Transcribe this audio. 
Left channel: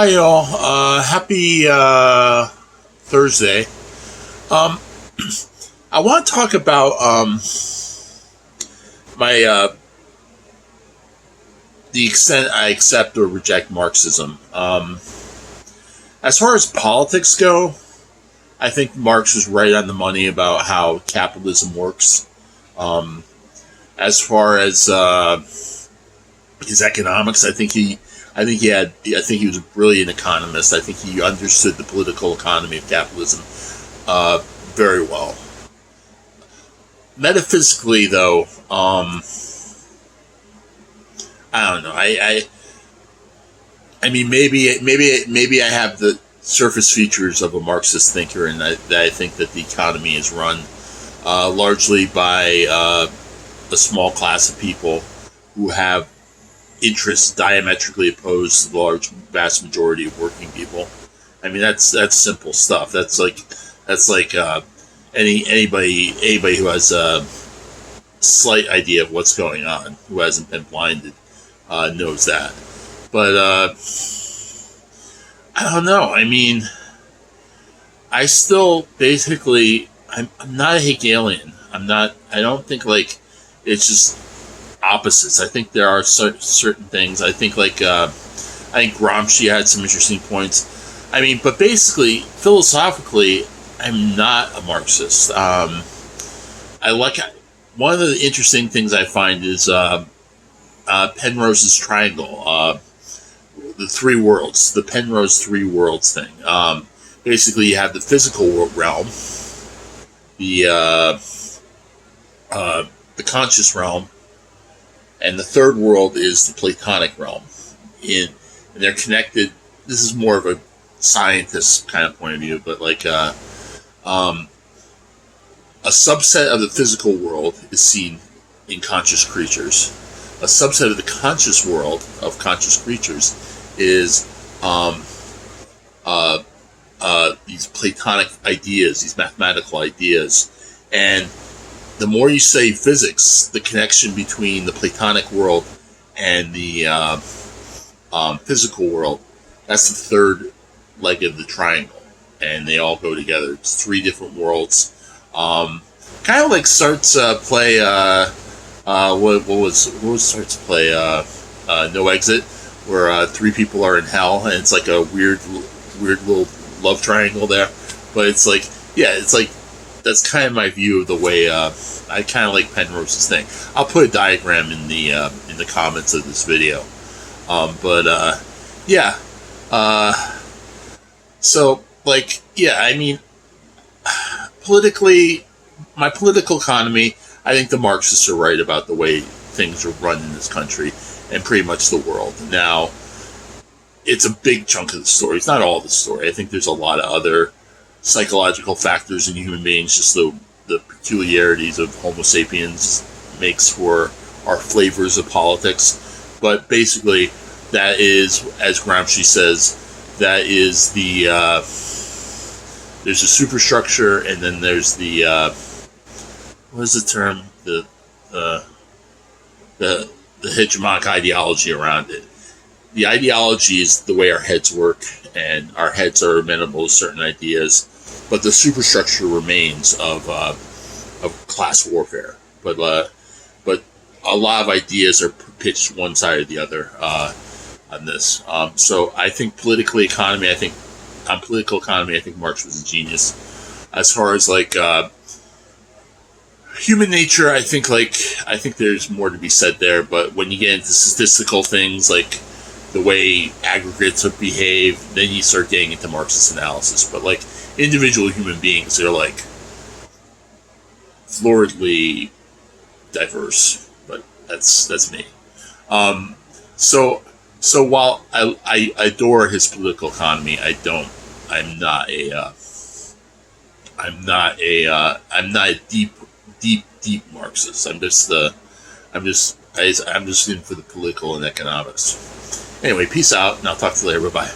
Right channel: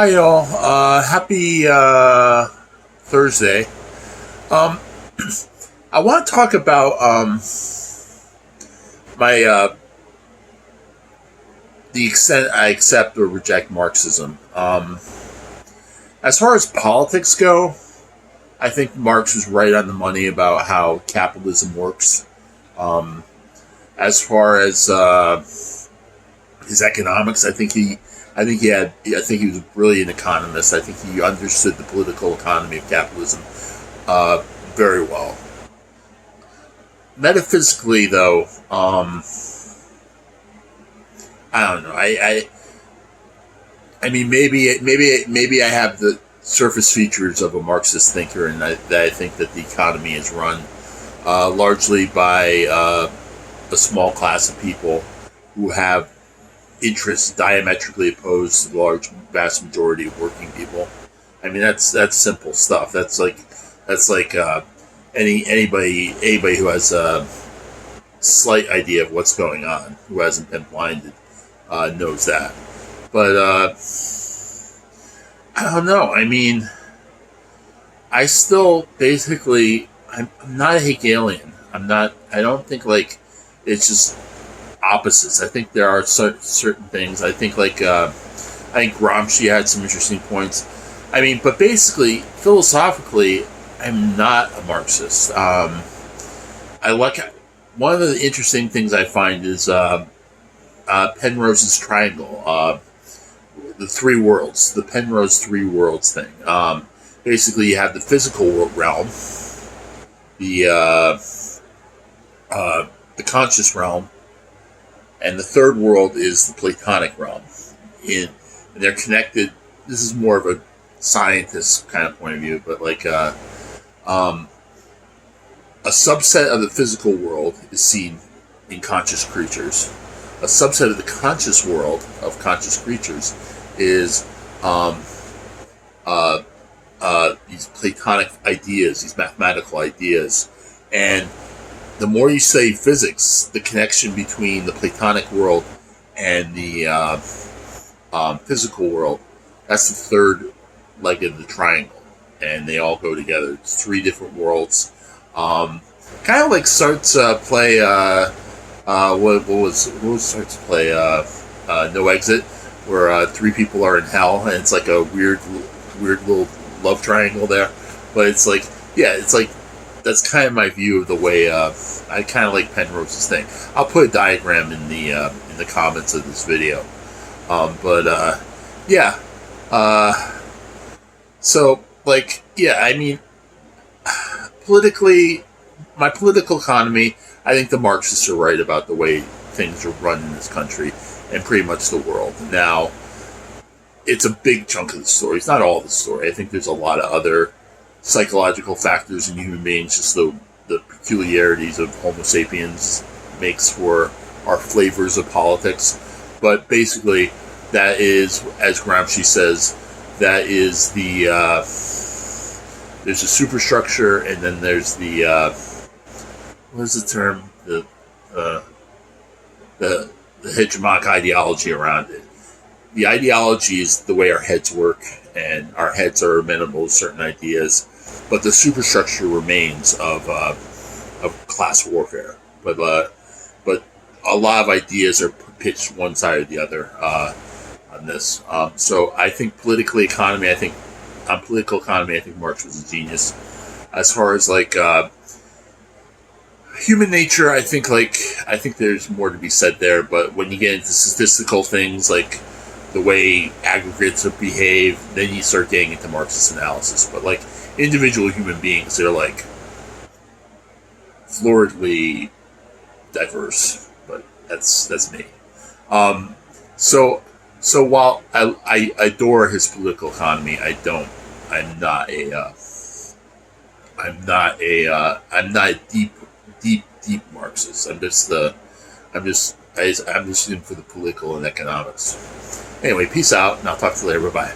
Hi, y'all. Happy Thursday. Um, I want to talk about my the extent I accept or reject Marxism. As far as politics go, I think Marx was right on the money about how capitalism works. Um, as far as his economics, I think he was a brilliant economist. I think he understood the political economy of capitalism very well. Metaphysically, though, I don't know. I mean, maybe I have the surface features of a Marxist thinker, and that I think that the economy is run largely by a small class of people who have interests diametrically opposed to the vast majority of working people. I mean, that's simple stuff. That's like anybody who has a slight idea of what's going on, who hasn't been blinded, knows that. But I don't know. I mean, I still basically I'm not a Hegelian. I'm not. I don't think like it's just opposites. I think there are certain things. I think I think Gramsci had some interesting points. I mean, but basically, philosophically, I'm not a Marxist. I like one of the interesting things I find is Penrose's triangle, the three worlds, the Penrose three worlds thing. Basically, you have the physical realm, the conscious realm, and the third world is the Platonic realm. And they're connected. This is more of a scientist kind of point of view, but a subset of the physical world is seen in conscious creatures. A subset of the conscious world of conscious creatures is these Platonic ideas, these mathematical ideas. And the more you say physics, the connection between the Platonic world and the physical world, that's the third leg of the triangle. And they all go together. It's three different worlds. Kind of like Sartre's play, what was Sartre's play? No Exit, where three people are in hell, and it's like a weird little love triangle there. But it's like, yeah, it's like, that's kind of my view of the way I kind of like Penrose's thing. I'll put a diagram in the comments of this video. Yeah. So yeah, I mean, politically, my political economy, I think the Marxists are right about the way things are run in this country and pretty much the world. Now, it's a big chunk of the story. It's not all the story. I think there's a lot of other psychological factors in human beings, just the peculiarities of Homo sapiens makes for our flavors of politics. But basically, that is, as Gramsci says, that is the there's a superstructure, and then there's the what is the term, the hegemonic ideology around it. The ideology is the way our heads work, and our heads are amenable to certain ideas, but the superstructure remains of class warfare. But a lot of ideas are pitched one side or the other on this. So I think political economy, I think Marx was a genius. As far as human nature, I think there's more to be said there. But when you get into statistical things like the way aggregates behave, then you start getting into Marxist analysis. But individual human beings, they're floridly diverse. But that's me. So while I adore his political economy, I'm not a deep Marxist. I'm just in for the political and economics. Anyway, peace out, and I'll talk to you later. Bye-bye.